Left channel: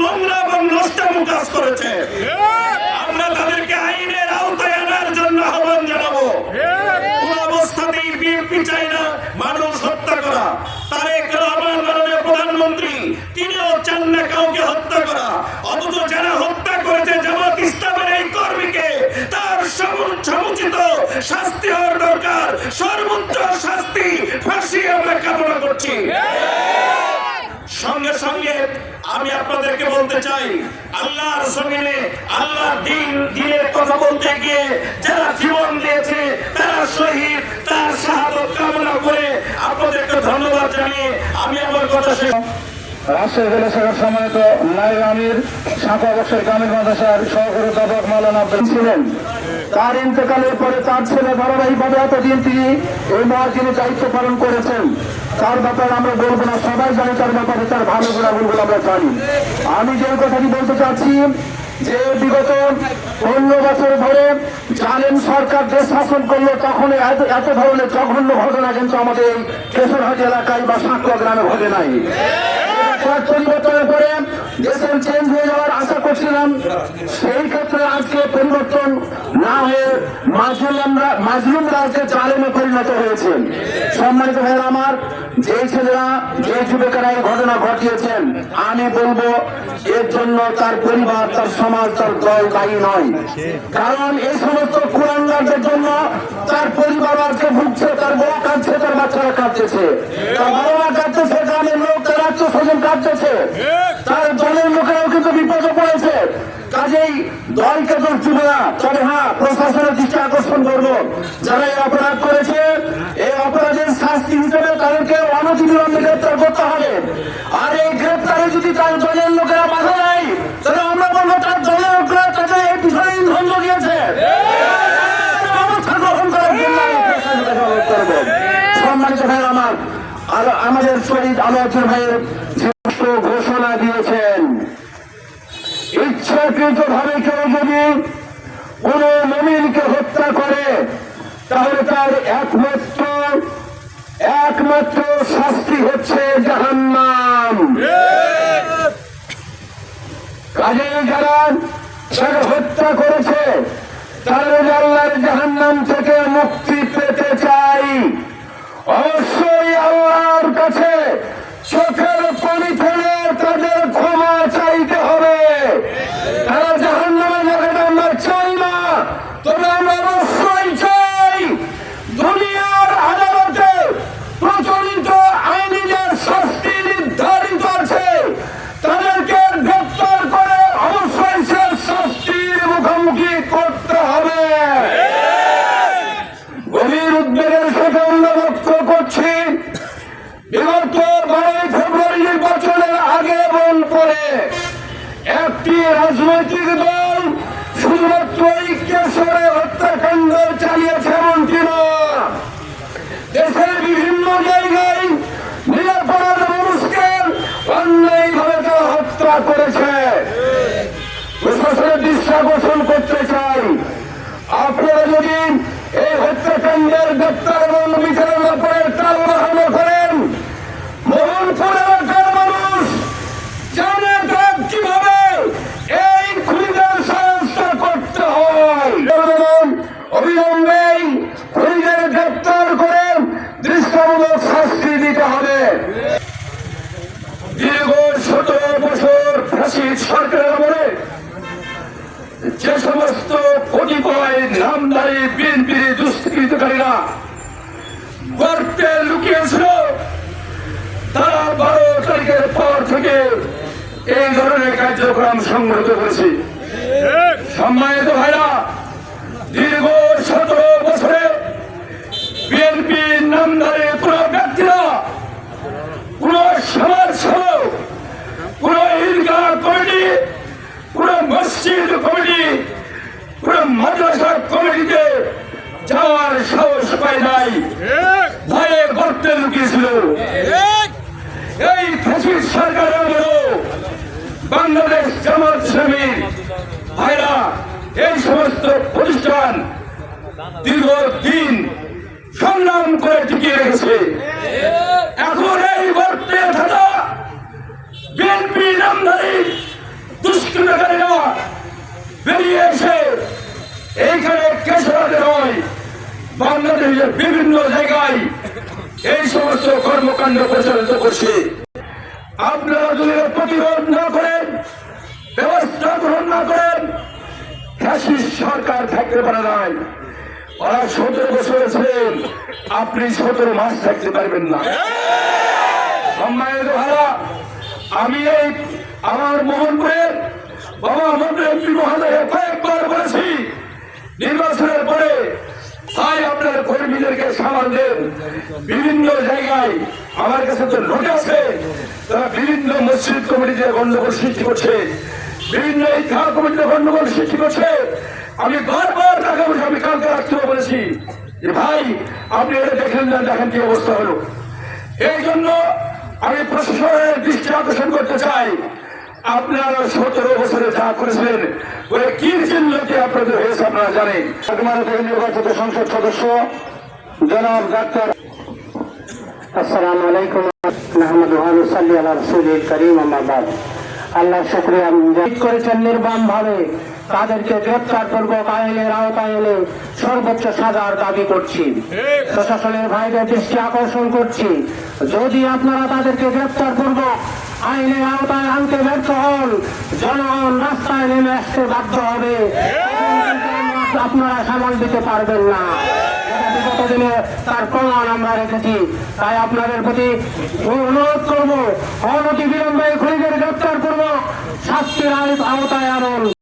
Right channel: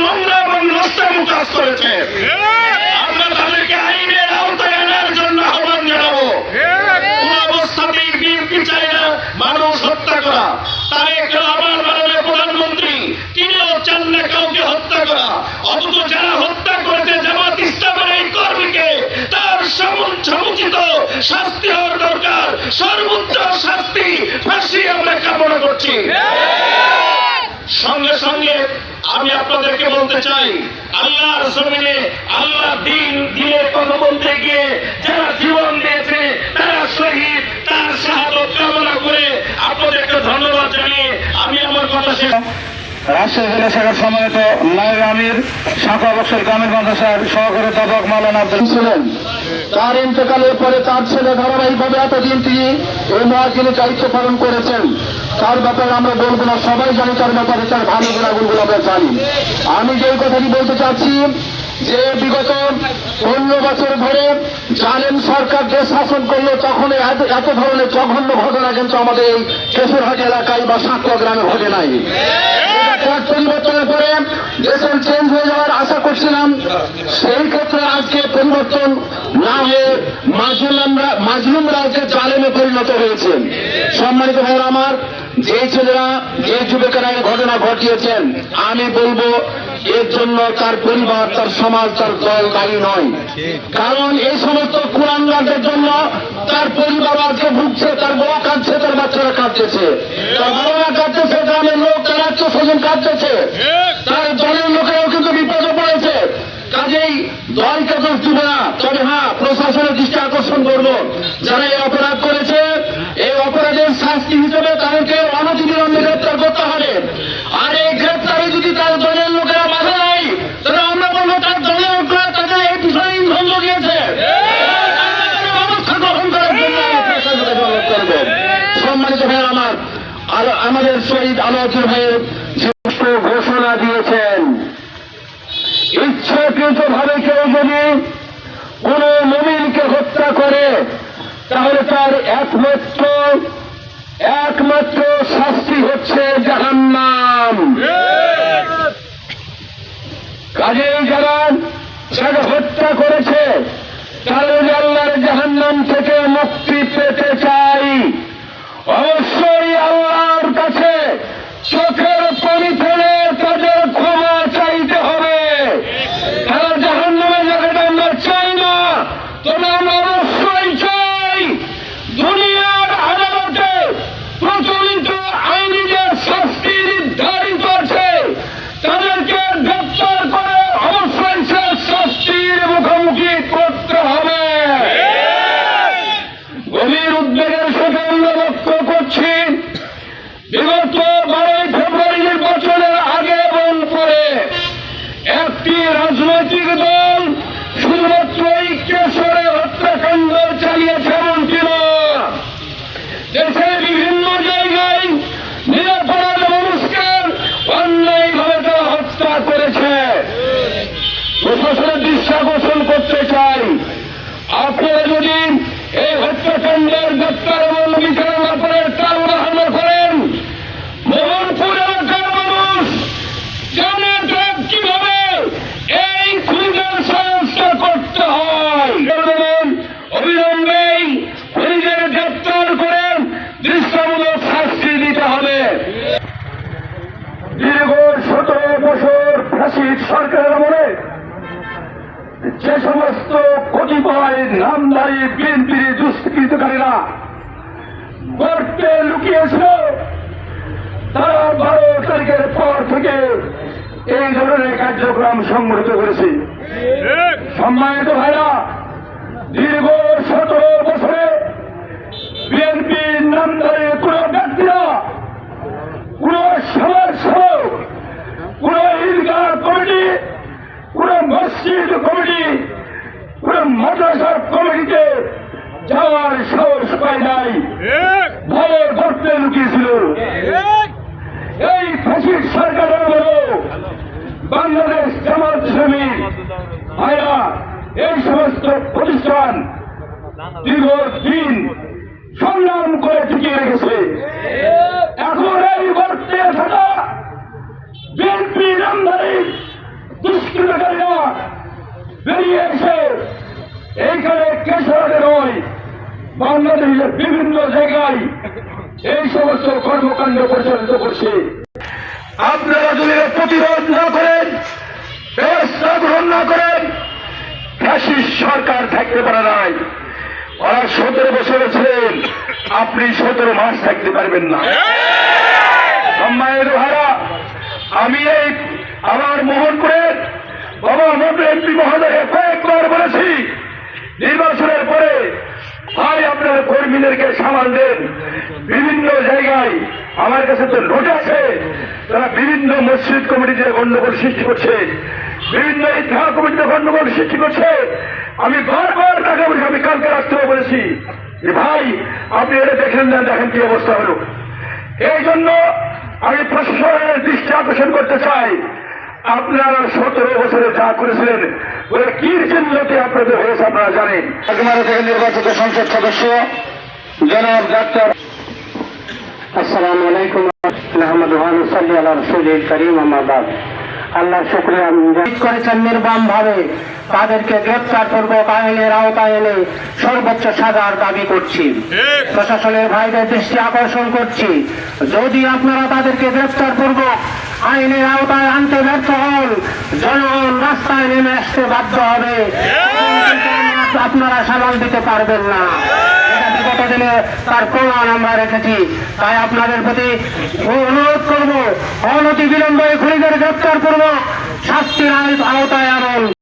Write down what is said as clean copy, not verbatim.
নোংরা এবং নষ্টামো কাজ করেছে। আমরা তাদেরকে আইনের আওতায় আনার জন্য আহ্বান জানাবো। কোন অবস্থাতেই বিএনপি চায় না মানুষ হত্যা করা। তারেক রহমান মাননীয় প্রধানমন্ত্রী তিনিও চান না কাউকে হত্যা করা, অথচ যারা হত্যা করেছে জামাত ইসলামের এই কর্মীকে তার সমুচিত শাস্তি হওয়ার দরকার, সর্বোচ্চ শাস্তি, ফাঁসি আমরা কামনা করছি। সঙ্গে সঙ্গে আমি আপনাদেরকে বলতে চাই, আল্লাহর জমিনে আল্লাহ দিনে কথা বলতে গিয়ে যারা জীবন দিয়েছে তারা শহীদ, তার শাহাদত কামনা করে আপনাদেরকে ধন্যবাদ জানিয়ে আমি আমার কথা শেষ। রাজশাহী জেলা শাখার সম্মানিত নায়েব আমির শাখা বৎসর গ্রামীণ মাদ্রাসার সহকারী অধ্যাপক মাওলানা আব্দুল ছিলেন। তার ইন্তেকালের পরে তার ছেলে ধারাবাহিকভাবে এতদিন তিনি এই মুয়াজ্জিনের দায়িত্ব পালন করেছেন। তার ব্যাপারে আমরা বলবো না, সবাই জানি তার ব্যাপারে, তার ভালো গুণাগুণগুলো আমরা জানি। আমি যে কথাটি বলতে চাচ্ছি যে বিগত 15 বছর ধরে জালেম সরকার যে শাসন করলো তখন এত ধরনের জঘন্য ঘটনা কিন্তু আমাদের এই কেশরহাট এলাকায় বা সাঁকড়া গ্রামে ঘটে নাই। পরিবর্তনের পরে দেশের চেঞ্জ হয়ে যাওয়ার আশা করছিলাম, সেই ক্ষেত্রে আজকে পরিবর্তন না হয়ে মাজলুম রাজ্যে জালেমে পরিণত হয়েছে। সম্মানিত ভাইরা আমার, যে ছেলেরা যে যুবকেরা এই ঘটনা ঘটিয়েছেন, আমি বলবো এর জন্য তার পরিবার, তার সমাজ, তার দল দায়ী নয়। কারণ এই সমস্ত কুলাঙ্গারদের জন্য তার পরিবার আজকে ভুগছে, তার বউ কাঁদছে, তার বাচ্চারা কাঁদতেছে, তার বাবা মা কাঁদতেছে, গ্রামের লোক, তার আত্মীয় স্বজন কাঁদতেছে, তার দলের লোকেরাও কিন্তু বিপদে পড়েছে। কাজেই দলকে দোষ দিব না, তবে হ্যাঁ প্রশাসনের দৃষ্টি আকর্ষণ করবো, যারা এই অপরাধ করেছে এই অপরাধের শাস্তি হিসেবে তাদেরকে অনতিবিলম্বে গ্রেপ্তার করতে হবে। আর এই গ্রেপ্তারে যদি তার দলের লোকেরা বাধা দেয় তাহলে আমরা বলবো তার দলের লোকেরা তাদের এই বিষয়ে ইন্ধন দিয়েছে, ব্যবস্থা গ্রহণ করার জন্য সম্মানিত ভাই আমার। আর আমাদের শহীদ আলোচনা ভাইয়ের ঘোষণা দিয়েছেন, ইচ্ছাকৃত ভাবে কেউ যদি কোন মুমিনকে হত্যা করে তাহলে তার একমাত্র শাস্তি হচ্ছে জাহান্নাম। কাজেই যারা তাকে হত্যা করেছে তাহলে আল্লাহর জাহান্নাম থেকে মুক্তি পেতে চাই, অবশ্যই আল্লাহর কাছে চোখের পানি ফেলে তাদের ক্ষমা চাইতে হবে। তারা জাহান্নামের জায়গাটা আমরা চাই না, তবে আমরা অবশ্যই চাই দুনিয়ার আদালতে প্রচলিত আইনি যে শাস্তি নির্ধারিত আছে তাদেরকে গ্রেপ্তার করে অবশ্যই সে শাস্তির মুখোমুখি করতে হবে। গভীর উদ্বেগের সাথে আমরা লক্ষ্য করছি বিগত 12 ফেব্রুয়ারি নির্বাচনের আগে এবং পরে একটি রাজনৈতিক দল শুধুমাত্র কেশরে হত্যাকাণ্ড চালিয়েছে এমনটি নয়, দেশের বিভিন্ন জায়গায় নিরাপরাধ মানুষকে অন্যায়ভাবে তারা হত্যা করেছে। প্রশাসনের দৃষ্টি আকর্ষণ করতে চাই, আপনারা যদি এই হত্যাকাণ্ডের গ্রেপ্তার এবং বিচারের ব্যাপারে তাল বাহানো করেন, মোহনপুর এলাকার মানুষ জানে তারা কিভাবে এই খুনিদের সংস্কার করতে হয়। অবিলম্বে খুনিদের গ্রেপ্তার করে দৃষ্টান্তমূলক শাস্তি দিতে হবে। দীর্ঘ 17 বছর ফ্যাসিস্ট সরকারের আমলে যে সমস্ত কতিপয় নামধারী বিএনপি দুষ্কৃতকারীরা গর্তে লুকিয়েছিল, তারা 12 তারিখের পর থেকে এই ধরনের কার্যক্রম সংগঠিত করেছে। সম্মানিত ভাইরা, দীর্ঘ 17 বছরে বিএনপি নামধারী কোন ব্যক্তিরা, কোন সমাজসেবক, কোন ঈদগাহ কমিটি, কোন মসজিদ কমিটি, কোন মাদ্রাসা কমিটিতে যাওয়ার সাহস পায় নাই, ভয়ে গর্তে লুকিয়েছিল। এই ফ্যাসিস্ট সরকারের বাংলাদেশ জামাত ইসলামী ভাইরা এই সমস্ত প্রতিষ্ঠান দীর্ঘদিন সংগ্রাম করে টিকিয়ে রেখেছে। এখন এই গর্তে থাকা বিএনপি নামধারী নিজের বিভিন্ন জায়গায় এই সমস্ত কর্মকাণ্ড পরিচালিত করছে। আপনারা যদি এর প্রতিরোধ না করেন, ব্যবস্থা গ্রহণ না করেন, ফ্যাসিস্ট সরকার থাকতে পারে নাই। আর 17 বছরে ছিলেন, আপনি 17 মাস থাকতে পারবেন না। সম্মানের ভাড়া, আমি এই আমার মোহনপুরের বাবা মোহাম্মদ এমপি মহোদয় কয়েকবার বলেছি, নির্বাচনের পরে ভাই আপনার কর্মীদেরকে সামাল দেন। বিভিন্ন জায়গায় আমার কাছে তো নোট আছে, তারা বিভিন্ন মসজিদ কমিটিতে গন্ডগোল সৃষ্টি করছে, বিভিন্ন ইতিহা কমিটিতে গন্ডগোল সৃষ্টি করছে। আমি বারবার টাকা বসে আমি কালকে রাত্রেও বলেছি যে ভাই আপনি এটা দেখেন না, দেখেন কি অবস্থা হলো। এই জন্য আমি প্রশাসনের দৃষ্টি আকর্ষণ করতে চাই, আপনারা 17 বছরে যা করেছিলেন ওরা কি চিহ্নতে আপনাদের হয়েছে আপনারা জানেন। আপনারা থেকে নির্বাচিত সংসদ সদস্য জনাব ডাক্তার। আসসালামু আলাইকুম আহমদুল্লাহ সাল্লি আলা রাসূলিল কারীম আম্মা বাদ। আল্লাহর শুকরিয়া করেছেন নির্মমভাবে, তাদেরকে গ্রেপ্তার পূর্বক আইনের আওতায় এনে সর্বোচ্চ সাজার দাবি করছি। প্রশাসনের ভাইদের দৃষ্টি আকর্ষণ করছি, যদি আপনারা তাদেরকে গ্রেপ্তার পূর্বক আইনের আওতায় আনতে ব্যর্থ হন, জনগণ রাস্তায় নেমে আসতে বাধ্য হবে। আপনারা সামাল দিতে পারবেন না। বিগত দিনে তার প্রমাণ আমরা রেখেছি। তাই আপনাদের প্রতি অনুরোধ করবো, অনতি বিলম্বে খুনিদের গ্রেপ্তার পূর্বক শাস্তির আওতায় আনুন।